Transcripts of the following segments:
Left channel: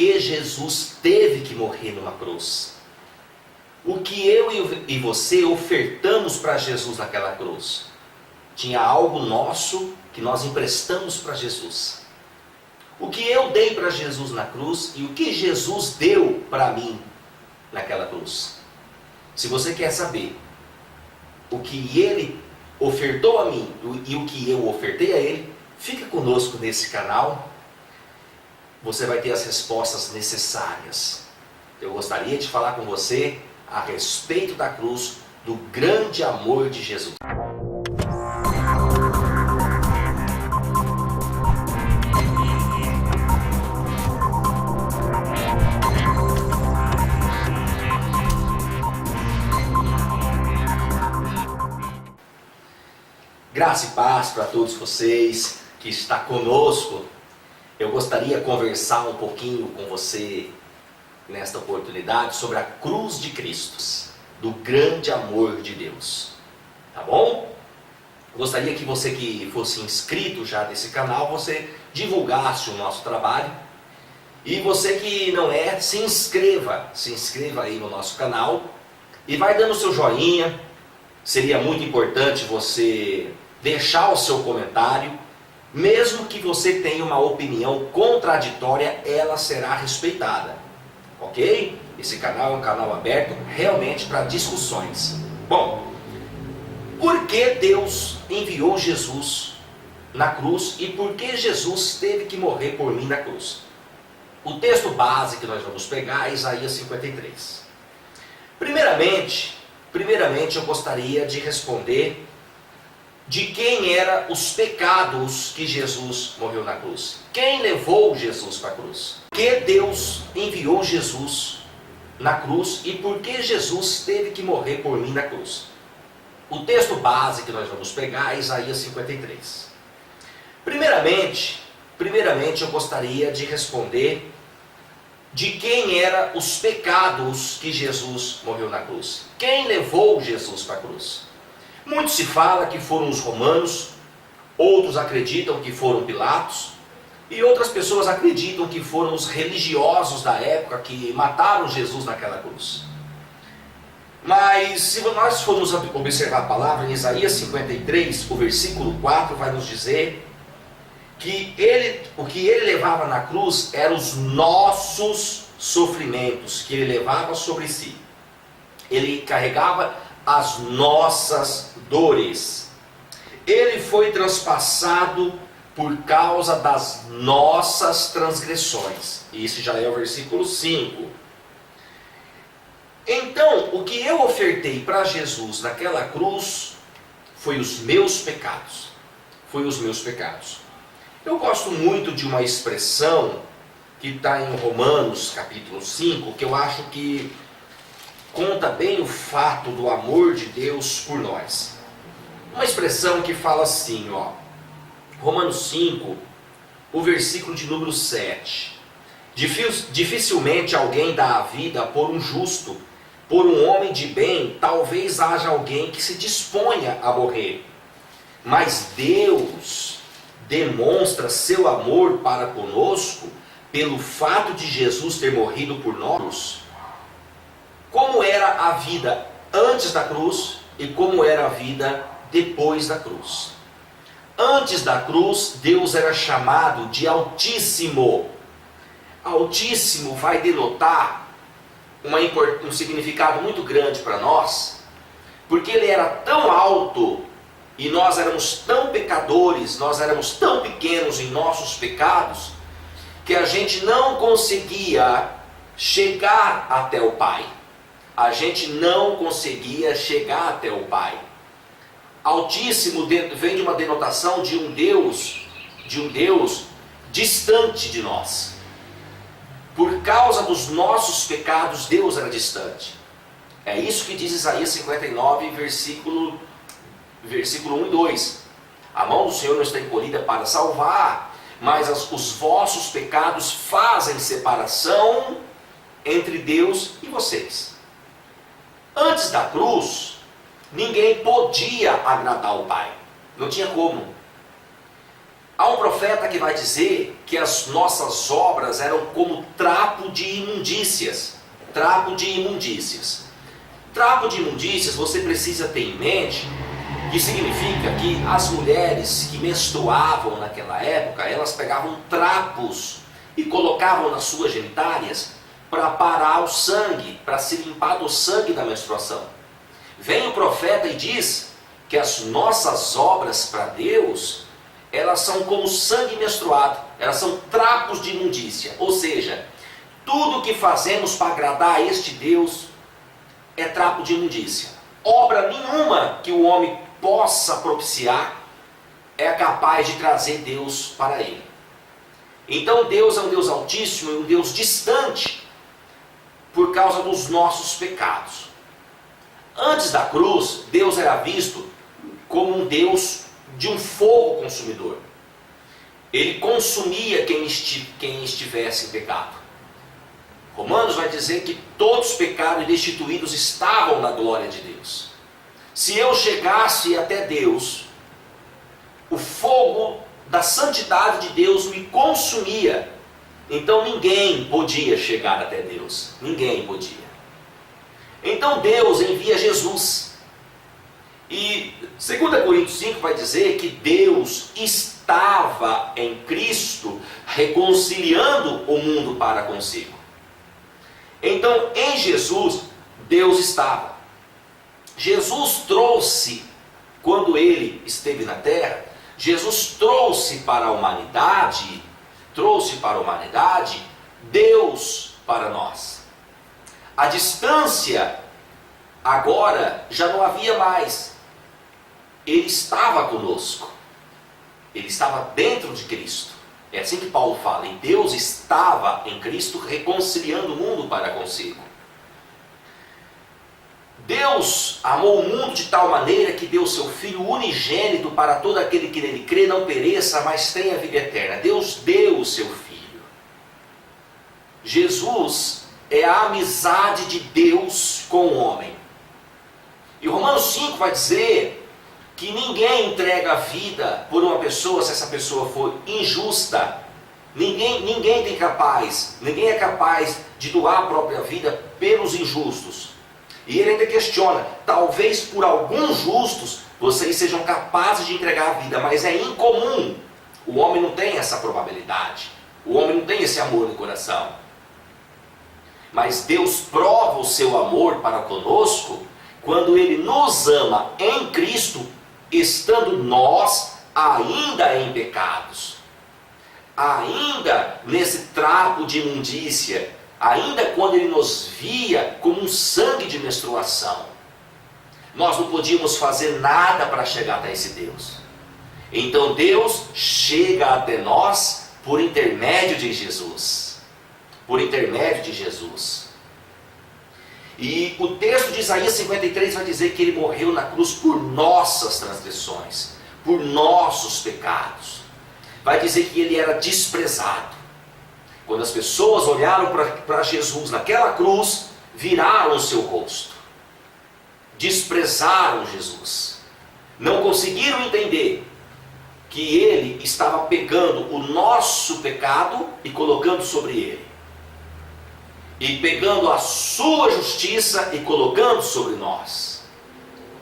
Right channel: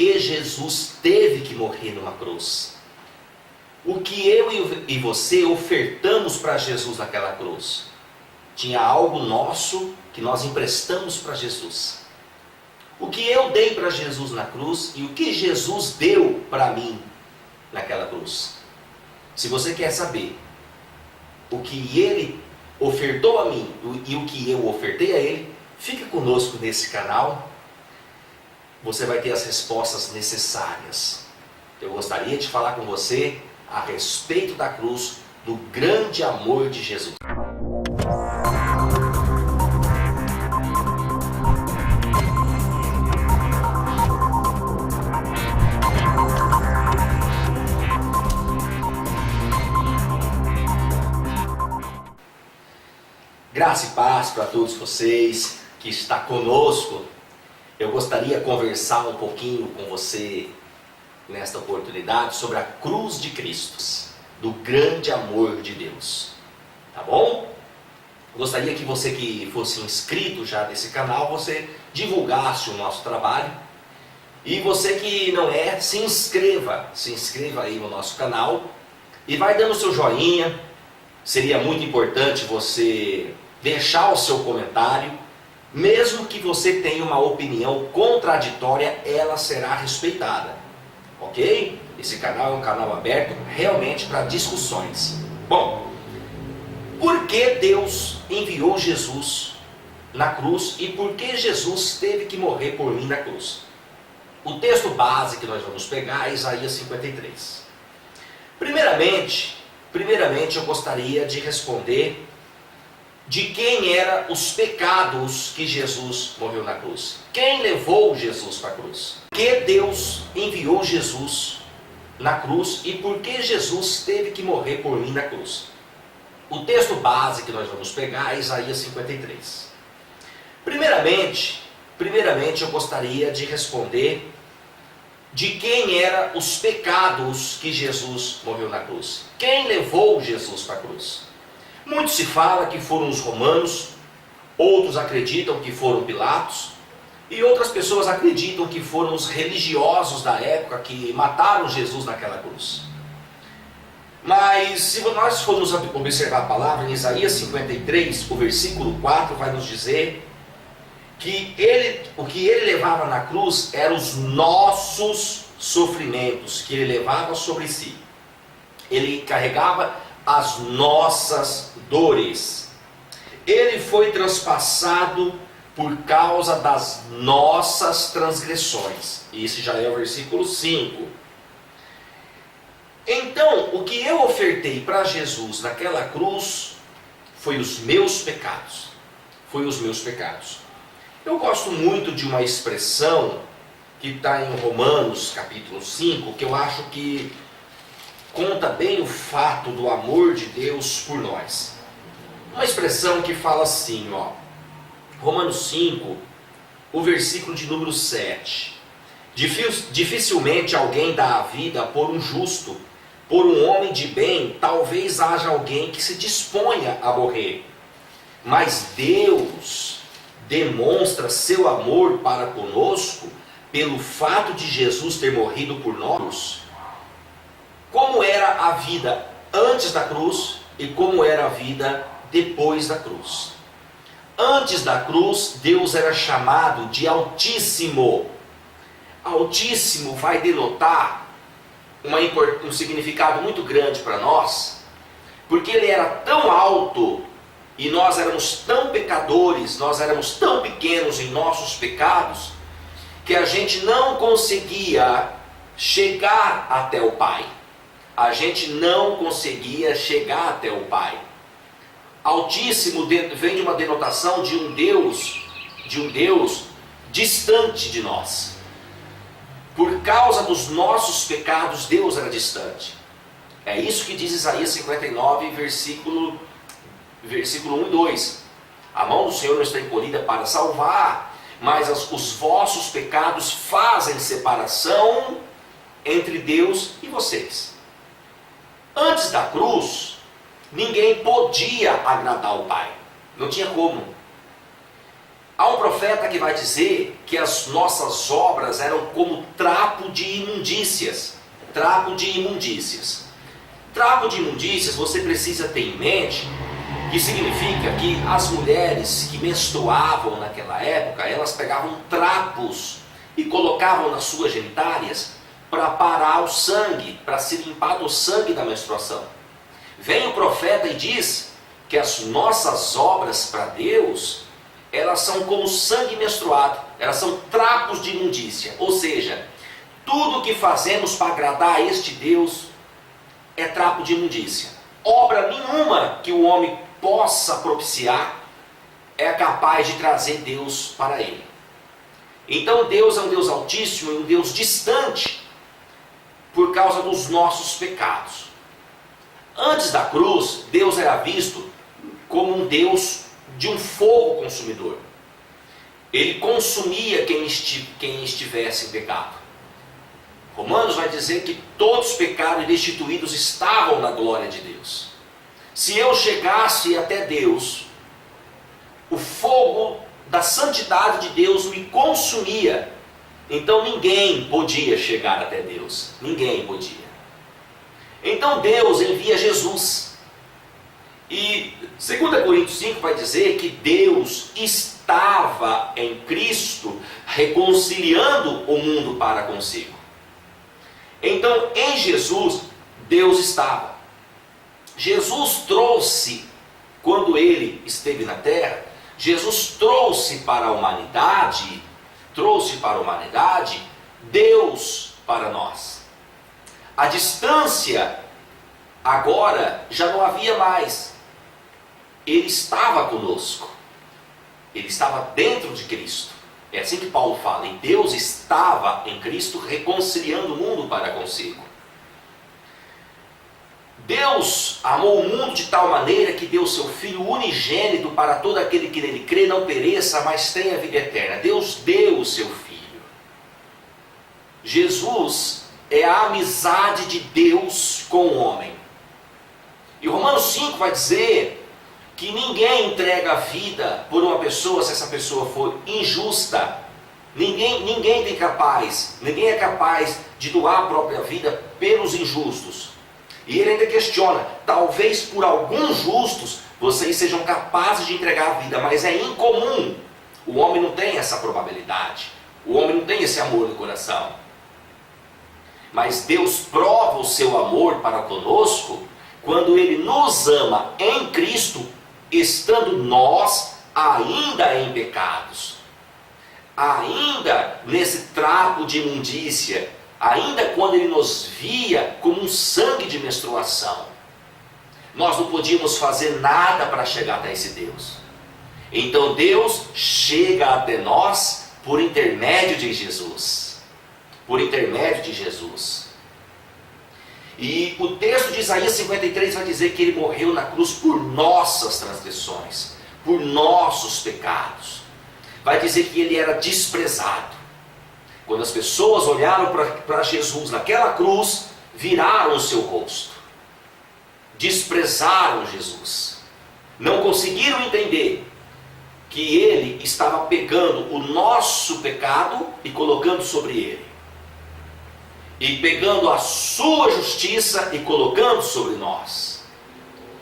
que Jesus teve que morrer numa cruz. O que eu e você ofertamos para Jesus naquela cruz? Tinha algo nosso que nós emprestamos para Jesus. O que eu dei para Jesus na cruz e o que Jesus deu para mim naquela cruz. Se você quer saber o que ele ofertou a mim e o que eu ofertei a ele, fica conosco nesse canal. Você vai ter as respostas necessárias. Eu gostaria de falar com você a respeito da cruz, do grande amor de Jesus. Graça e paz para todos vocês que estão conosco. Eu gostaria de conversar um pouquinho com você nesta oportunidade sobre a cruz de Cristo, do grande amor de Deus. Tá bom? Gostaria que você que fosse inscrito já nesse canal, você divulgasse o nosso trabalho. E você que não é, se inscreva aí no nosso canal e vai dando seu joinha. Seria muito importante você deixar o seu comentário. Mesmo que você tenha uma opinião contraditória, ela será respeitada. Ok? Esse canal é um canal aberto realmente para discussões. Bom, por que Deus enviou Jesus na cruz e por que Jesus teve que morrer por mim na cruz? O texto base que nós vamos pegar é Isaías 53. Primeiramente eu gostaria de responder de quem eram os pecados que Jesus morreu na cruz. Quem levou Jesus para a cruz? Por que Deus enviou Jesus na cruz e por que Jesus teve que morrer por mim na cruz? O texto base que nós vamos pegar é Isaías 53. Primeiramente eu gostaria de responder de quem eram os pecados que Jesus morreu na cruz. Quem levou Jesus para a cruz? Muito se fala que foram os romanos, outros acreditam que foram Pilatos, e outras pessoas acreditam que foram os religiosos da época que mataram Jesus naquela cruz. Mas se nós formos observar a palavra em Isaías 53, o versículo 4 vai nos dizer que o que ele levava na cruz eram os nossos sofrimentos, que ele levava sobre si. Ele carregava as nossas dores. Ele foi transpassado por causa das nossas transgressões. Esse já é o versículo 5. Então, o que eu ofertei para Jesus naquela cruz foi os meus pecados. Foi os meus pecados. Eu gosto muito de uma expressão que está em Romanos capítulo 5, que eu acho que conta bem o fato do amor de Deus por nós. Uma expressão que fala assim, Romanos 5, o versículo de número 7. Dificilmente alguém dá a vida por um justo, por um homem de bem, talvez haja alguém que se disponha a morrer. Mas Deus demonstra seu amor para conosco pelo fato de Jesus ter morrido por nós. Como era a vida antes da cruz e como era a vida depois da cruz. Antes da cruz, Deus era chamado de Altíssimo. Altíssimo vai denotar um significado muito grande para nós, porque ele era tão alto e nós éramos tão pecadores, nós éramos tão pequenos em nossos pecados, que a gente não conseguia chegar até o Pai. A gente não conseguia chegar até o Pai. Altíssimo vem de uma denotação de um Deus distante de nós. Por causa dos nossos pecados, Deus era distante. É isso que diz Isaías 59, versículo 1 e 2. A mão do Senhor não está encolhida para salvar, mas os vossos pecados fazem separação entre Deus e vocês. Antes da cruz, ninguém podia agradar o Pai. Não tinha como. Há um profeta que vai dizer que as nossas obras eram como trapo de imundícias. Trapo de imundícias. Trapo de imundícias, você precisa ter em mente que significa que as mulheres que menstruavam naquela época, elas pegavam trapos e colocavam nas suas genitárias para parar o sangue, para se limpar do sangue da menstruação. Vem o profeta e diz que as nossas obras para Deus, elas são como sangue menstruado, elas são trapos de imundícia. Ou seja, tudo que fazemos para agradar a este Deus é trapo de imundícia. Obra nenhuma que o homem possa propiciar é capaz de trazer Deus para ele. Então Deus é um Deus altíssimo, um Deus distante, por causa dos nossos pecados. Antes da cruz, Deus era visto como um Deus de um fogo consumidor. Ele consumia quem estivesse em pecado. Romanos vai dizer que todos pecados e destituídos estavam na glória de Deus. Se eu chegasse até Deus, o fogo da santidade de Deus me consumia. Então ninguém podia chegar até Deus. Ninguém podia. Então Deus envia Jesus. E 2 Coríntios 5 vai dizer que Deus estava em Cristo reconciliando o mundo para consigo. Então em Jesus, Deus estava. Jesus trouxe, quando ele esteve na terra, Jesus trouxe para a humanidade, Deus para nós. A distância agora já não havia mais. Ele estava conosco. Ele estava dentro de Cristo. É assim que Paulo fala. E Deus estava em Cristo reconciliando o mundo para consigo. Deus amou o mundo de tal maneira que deu seu Filho unigênito para todo aquele que nele crê não pereça, mas tenha vida eterna. Deus deu o seu Filho. Jesus é a amizade de Deus com o homem. E Romanos 5 vai dizer que ninguém entrega a vida por uma pessoa se essa pessoa for injusta. Ninguém é capaz de doar a própria vida pelos injustos. E ele ainda questiona, talvez por alguns justos vocês sejam capazes de entregar a vida, mas é incomum. O homem não tem essa probabilidade. O homem não tem esse amor no coração. Mas Deus prova o seu amor para conosco quando Ele nos ama em Cristo, estando nós ainda em pecados, ainda nesse trapo de imundícia, ainda quando Ele nos via como um sangue de menstruação. Nós não podíamos fazer nada para chegar até esse Deus. Então Deus chega até nós por intermédio de Jesus. Por intermédio de Jesus. E o texto de Isaías 53 vai dizer que Ele morreu na cruz por nossas transgressões, por nossos pecados. Vai dizer que Ele era desprezado. Quando as pessoas olharam para Jesus naquela cruz, viraram o seu rosto. Desprezaram Jesus. Não conseguiram entender que Ele estava pegando o nosso pecado e colocando sobre Ele. E pegando a sua justiça e colocando sobre nós.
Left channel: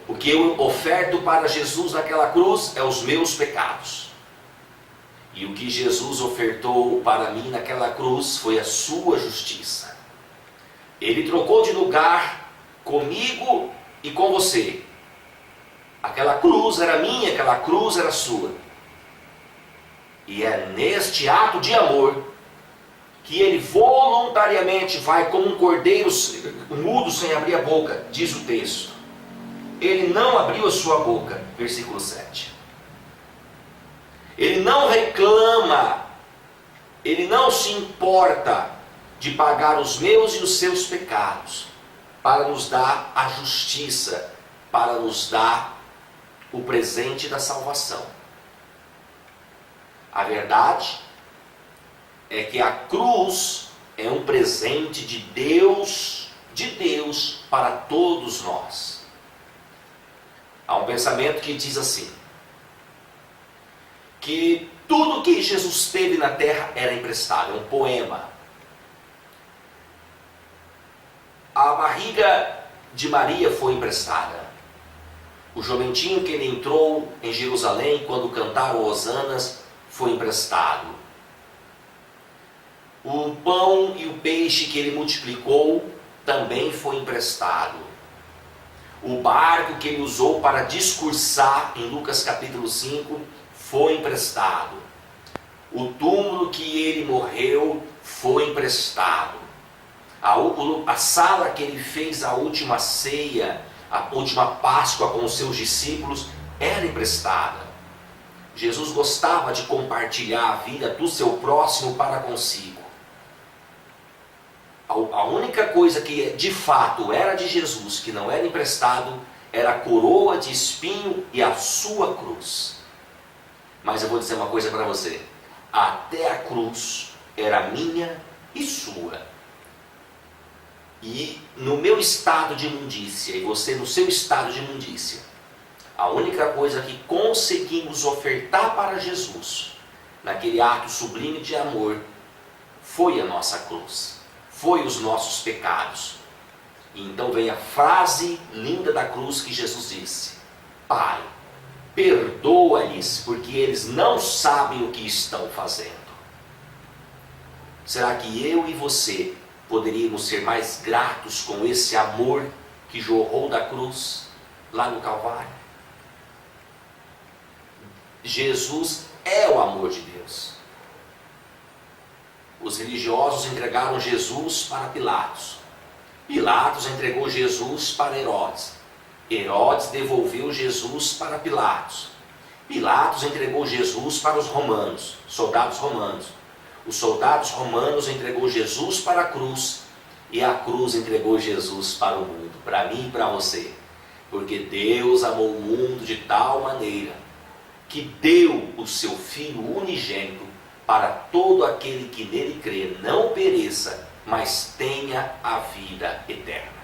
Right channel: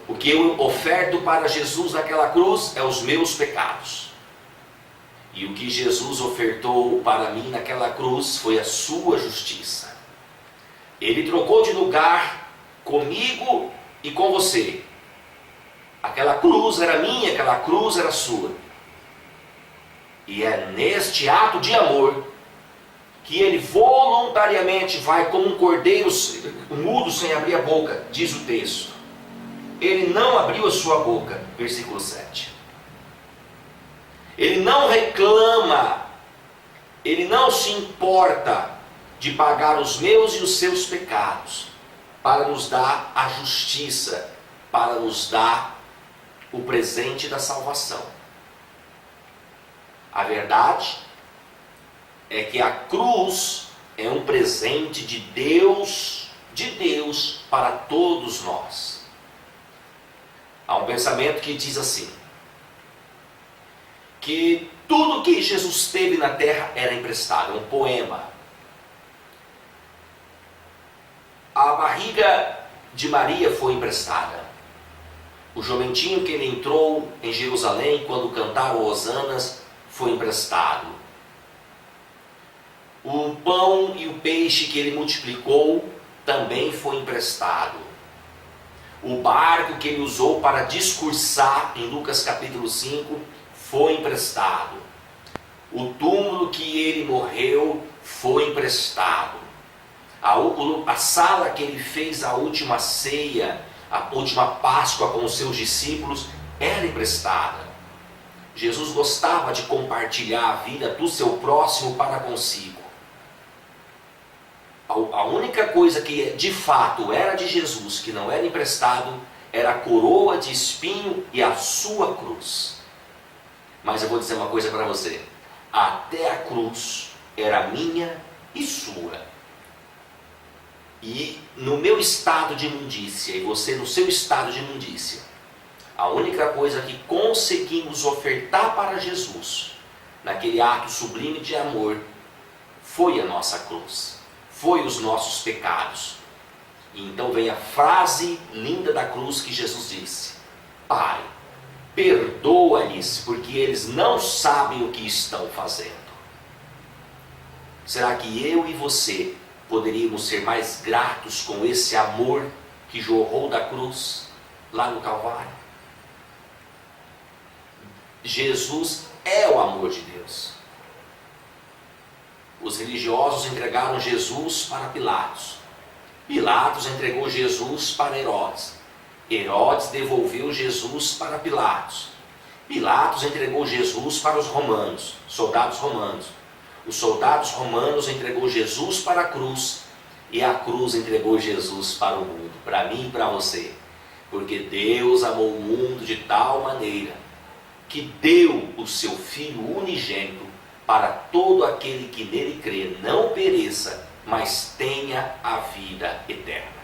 O que eu oferto para Jesus naquela cruz é os meus pecados. E o que Jesus ofertou para mim naquela cruz foi a sua justiça. Ele trocou de lugar comigo e com você. Aquela cruz era minha, aquela cruz era sua. E é neste ato de amor que Ele voluntariamente vai como um cordeiro mudo sem abrir a boca, diz o texto. Ele não abriu a sua boca, versículo 7. Ele não reclama, Ele não se importa de pagar os meus e os seus pecados, para nos dar a justiça, para nos dar o presente da salvação. A verdade é que a cruz é um presente de Deus para todos nós. Há um pensamento que diz assim, que Tudo que Jesus teve na terra era emprestado, é um poema. A barriga de Maria foi emprestada. O jumentinho que ele entrou em Jerusalém quando cantaram hosanas foi emprestado. O pão e o peixe que ele multiplicou também foi emprestado. O barco que ele usou para discursar em Lucas capítulo 5 foi emprestado. O túmulo que ele morreu foi emprestado. A sala que ele fez a última ceia, a última Páscoa com os seus discípulos, era emprestada. Jesus gostava de compartilhar a vida do seu próximo para consigo. A única coisa que de fato era de Jesus, que não era emprestado, era a coroa de espinho e a sua cruz. Mas eu vou dizer uma coisa para você: até a cruz era minha e sua. E no meu estado de imundícia, e você no seu estado de imundícia, a única coisa que conseguimos ofertar para Jesus, naquele ato sublime de amor, foi a nossa cruz, foi os nossos pecados. E então vem a frase linda da cruz que Jesus disse: Pai, perdoa-lhes, porque eles não sabem o que estão fazendo. Será que eu e você poderíamos ser mais gratos com esse amor que jorrou da cruz lá no Calvário? Jesus é o amor de Deus. Os religiosos entregaram Jesus para Pilatos. Pilatos entregou Jesus para Herodes. Herodes devolveu Jesus para Pilatos. Pilatos entregou Jesus para os romanos, soldados romanos. Os soldados romanos entregou Jesus para a cruz, e a cruz entregou Jesus para o mundo, para mim e para você. Porque Deus amou o mundo de tal maneira que deu o seu Filho unigênito para todo aquele que nele crê não pereça, mas tenha a vida eterna.